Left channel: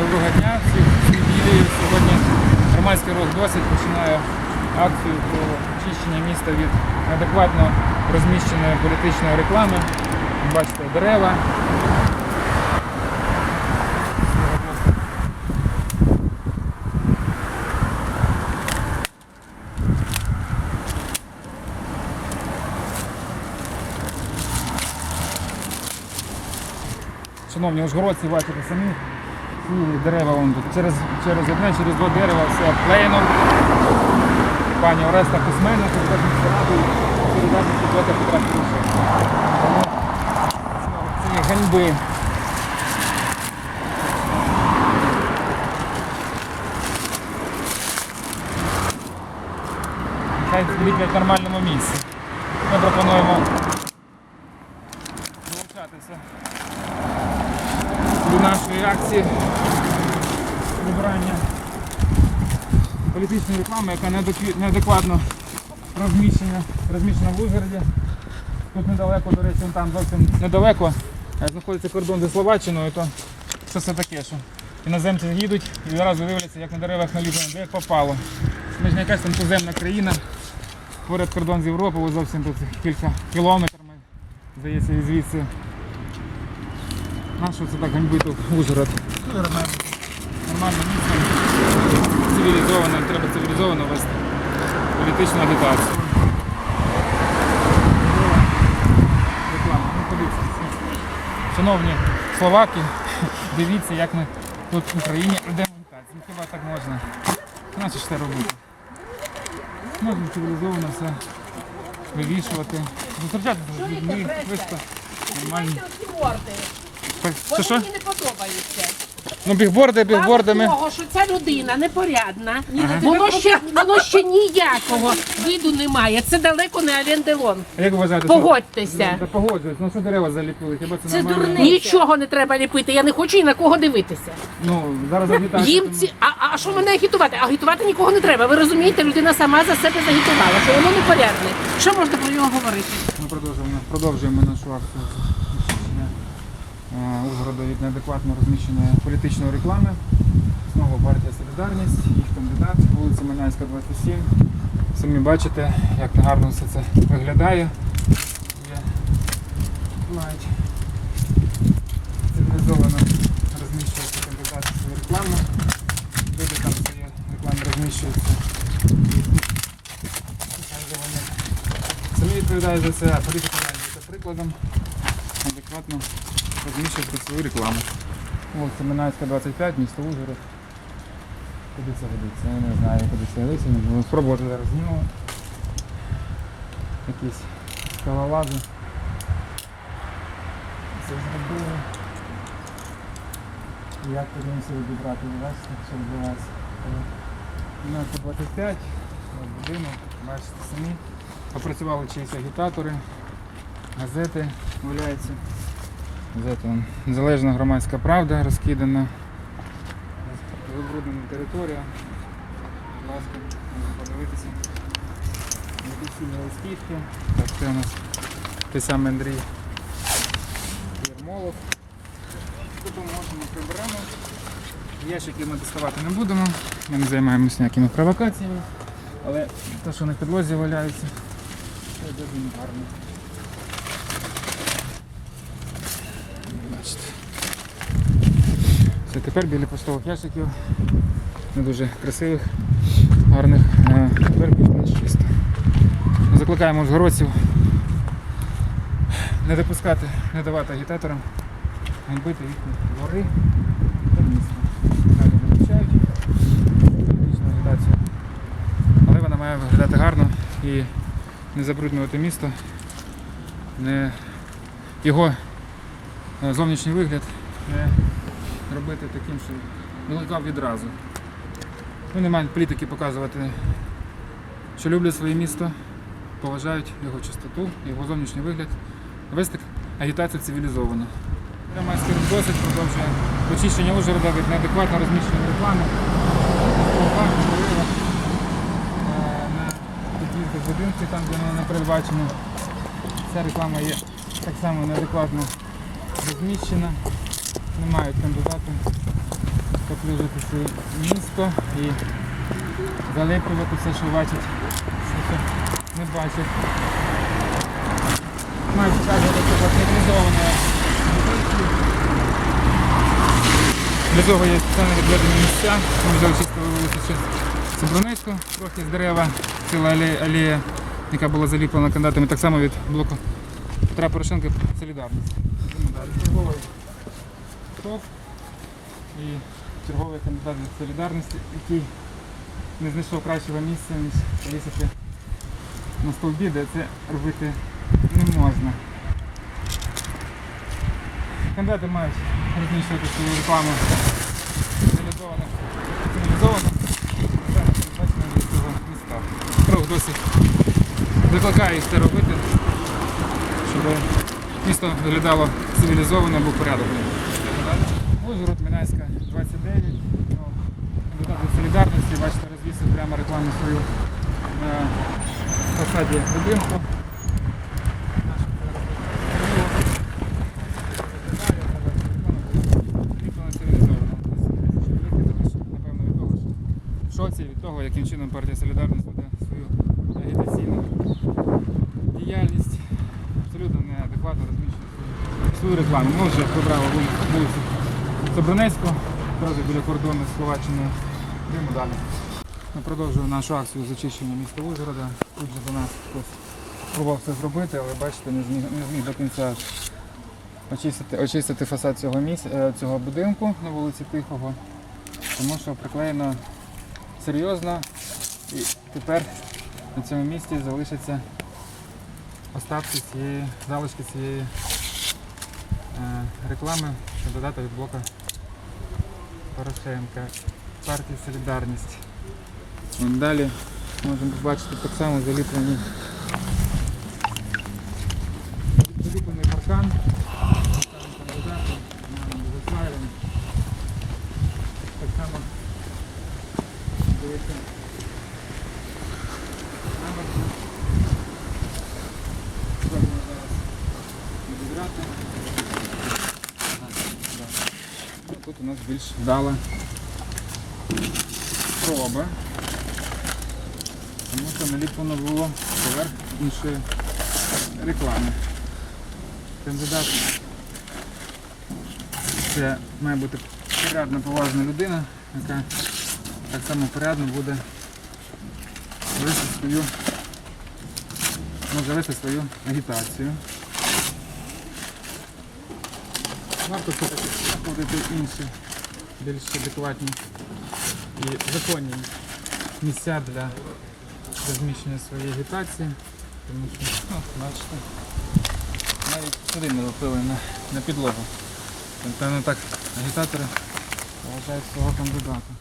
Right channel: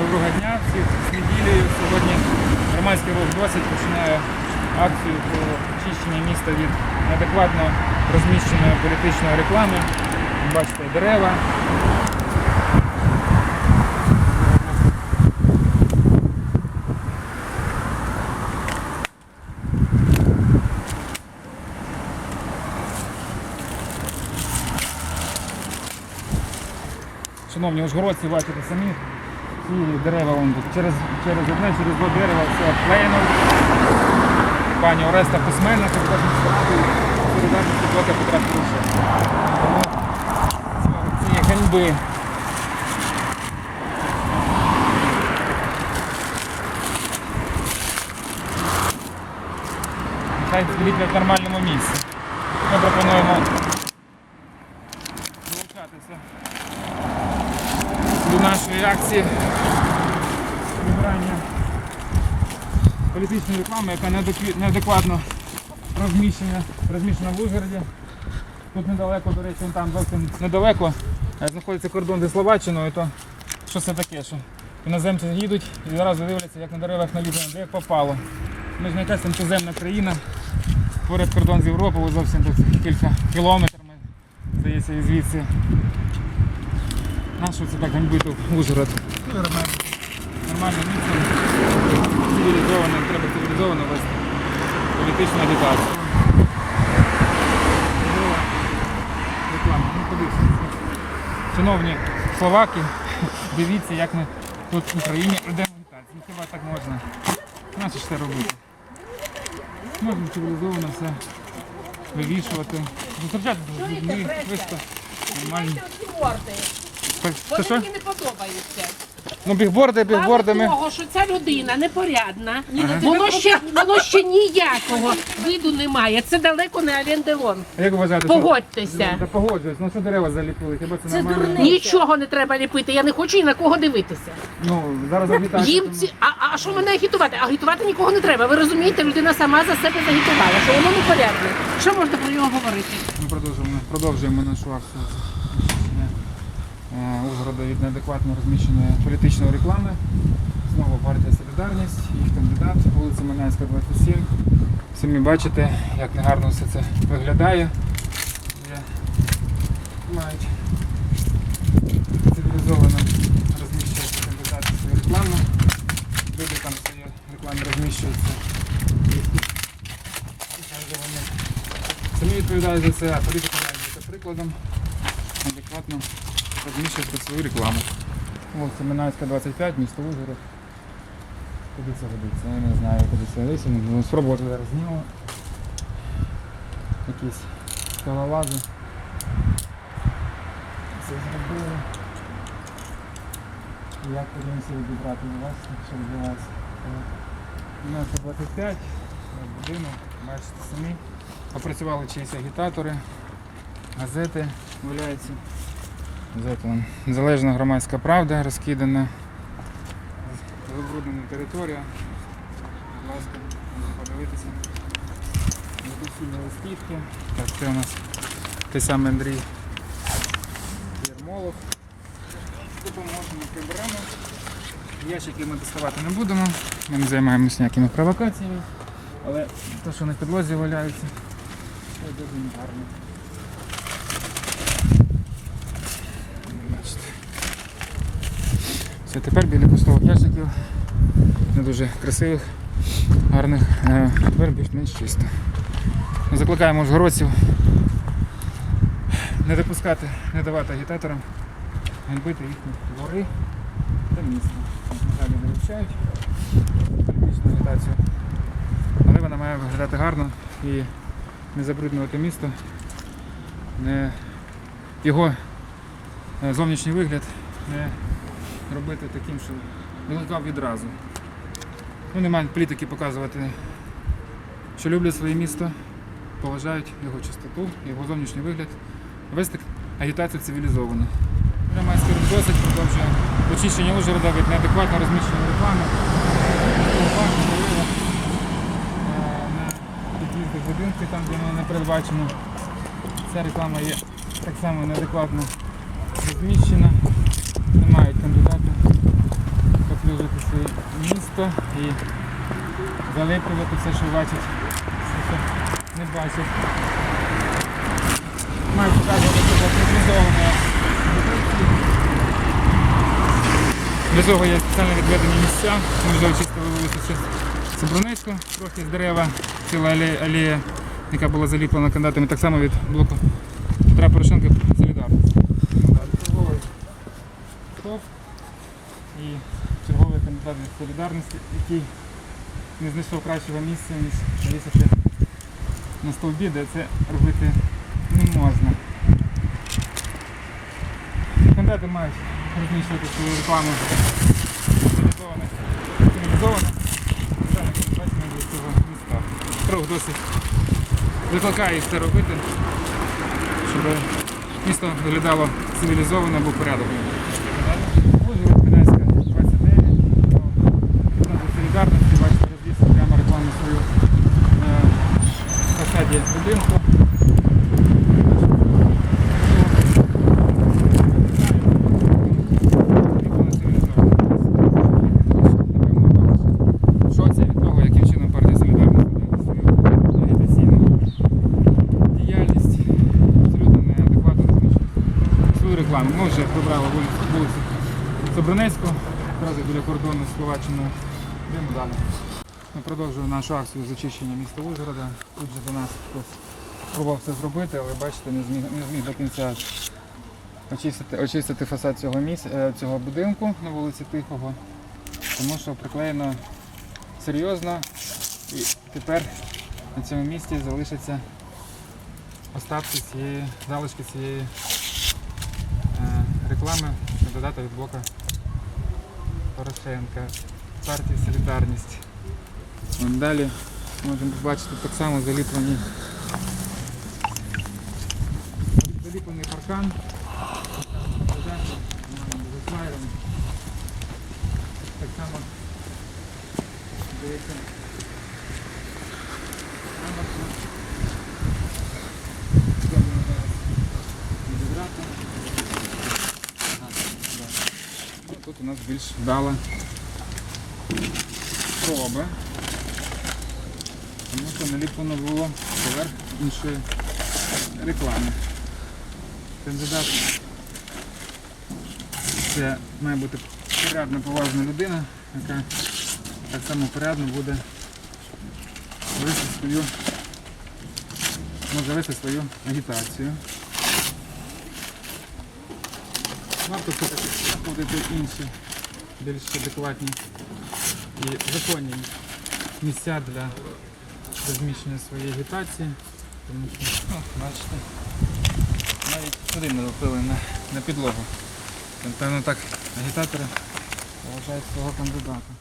Доброго дня, всіх з неділею. Сьогодні громадський рух досить починає акцію про очищення міста від неадекватно розміщеної політичної реклами. Бачите, дерева. Шановні ужгородці, бачите самі. І дерева вон. Через, через одне, через два дерева все обклеєно. Пані Ореста письменна, тут кожен сторону передати цієї ганьби. Нехай зліплять в нормальному місці. Ми пропонуємо акції вибирання політичної реклами, яка неадекватно розміщена, розміщена в Ужгороді. Тут недалеко, до речі, там зовсім недалеко е, знаходиться кордон зі Словаччиною, то що це таке? Що іноземці їдуть і одразу дивляться, як на деревах наліплено, де як попало. Ми ж не якась там туземна країна, поряд кордон з Європою, зовсім тут кілька кілометрів, здається, і звідси. Нащо це так ганьбити Ужгород? Нормально. Нормально місце. Цивілізовано, треба цивілізовано вести політичну агітацію. Реклама. Ну. Шановні словаки, дивіться, як ми тут в Україні агітацію. Ну хіба так можна? Нащо ж це робити? Можна цивілізовано все вивішувати. Зустрічатися з людьми, виско, нормально. Це Вони що? мені не подобаються. Ну, бігборди, Мало бігбордами. того, що ця людина непорядна, воно ще воно ще ніякого виду немає. Це далеко не оренделон. А Як ви вважаєте? що- Погодьтеся. Та погоджуюсь. Ну що дерева заліпили? Хіба це, Це нормально? дурне. Нічого не треба ліпити. Я не хочу ні на кого дивитися. Ну, зараз агітація. Їм ці а, а що мене агітувати? Агітувати нікого не треба. Ви розумієте, людина сама за себе загітувала, що воно непорядне. Що можна про нього говорити? Ми продовжуємо, продовжуємо нашу акцію Ужгорода від неадекватно розміщеної політичної реклами. Знову партія Солідарність, їх кандидат, вулиця Манянська, 27. Самі бачите, як негарно все це виглядає. Є, мають цивілізовано розміщуються кандидати свою рекламу. Люди там свої реклами розміщуються. Самі відповідають за це, а політики мають бути прикладом, адекватно розміщувати свою рекламу. Вулиця Минайська, 25, місто Ужгород. Куди це годиться? Я не знаю, куди це годиться. Спробувати зараз знімемо. Якісь скалолази. Це зробили. Як подивимося відібрати, бачите, що відбувається. Минайська 25, будинок, бачите самі. Опрацювали чиїсь агітатори, газети валяються. Незалежна громадська правда розкидана. Забруднена територія. Будь ласка, можна подивитися. Недоцільні листівки. Так, це у нас той самий Андрій Єрмолов. Допоможемо, приберемо. Ящики ми доставати не будемо. Ми не займаємося ніякими провокаціями. Але те, що на підлозі валяються, це дуже гарно. Бачите. Це тепер біля пустових ящиків, не дуже красивих, гарних, тепер більш-менш чисто. Закликаємо ужгородців не допускати, не давати агітаторам ганьбити їхні двори та місто. Далі вивчають політичну агітацію. Але вона має виглядати гарно і не забруднювати місто, не його е, зовнішній вигляд не робити таким, що викликав відразу. Ну, не мають політики показувати, що люблять своє місто, поважають його чистоту, його зовнішній вигляд, вести агітацію цивілізовано. Громадський рух досить продовжує очищення Ужгорода від неадекватно розміщеної реклами. Е, на під'їзди будинки, там, де вона не передбачена. Ця реклама є так само неадекватно розміщена. Не мають кандидати. своє місто і залиплювати все, що бачать, все, що не бачать. Маю показувати цивілізованої позиції. Для цього є спеціально відведені місця. Ми вже очистили вулицю ще Собронецьку, трохи з дерева, ціла алея, яка була заліплена кандидатами так само від блоку Петра Порошенка Солідарність. Йдемо далі. Черговий стоп і черговий кандидат від Солідарності, який не знайшов кращого місця, ніж повісити на стовбі, де це робити не можна. Кандидати мають розміщувати свою рекламу цивілізовано. цивілізовано. Це не цього міста. Кров досить викликає це робити, щоб місто виглядало цивілізовано або порядок. Ужгород, Мінайська, 29. Депутати солідарності, бачите, розвісив прямо рекламу свою на фасаді будинку. В шоці від того, яким чином партія Солідарність веде свою агітаційну діяльність. Абсолютно неадекватно розміщує рекламу. Ми вже прибрали вулицю, Собранецьку, одразу біля кордону з Словаччиною. Йдемо далі. Ми продовжуємо нашу акцію з очищення міста Ужгорода. Тут же до нас хтось пробував це зробити, але бачите, не зміг, не зміг до кінця очистити, очистити фасад цього, місця, е, цього будинку на вулиці Тихого, тому що приклеєно серйозно і тепер на цьому місці залишаться остатки цієї залишки цієї е, реклами кандидата від блока Порошенка, партії Солідарність. Вон далі можемо побачити так само заліплені заліплений паркан. Кандидати, заслаєм. Так само дивіться. Амбарка. Зробимо зараз відібрати. Тут у нас більш вдала спроба. Тому що наліплено було поверх іншої реклами. Кандидат це має бути порядна, поважна людина, яка так само порядно буде вести свою, може вести свою агітацію. Варто все-таки знаходити інші більш адекватні і законні місця для розміщення своєї агітації. Тому що, ну, бачите, навіть сюди не лупили на, на підлогу. Напевно так агітатори вважають свого кандидата.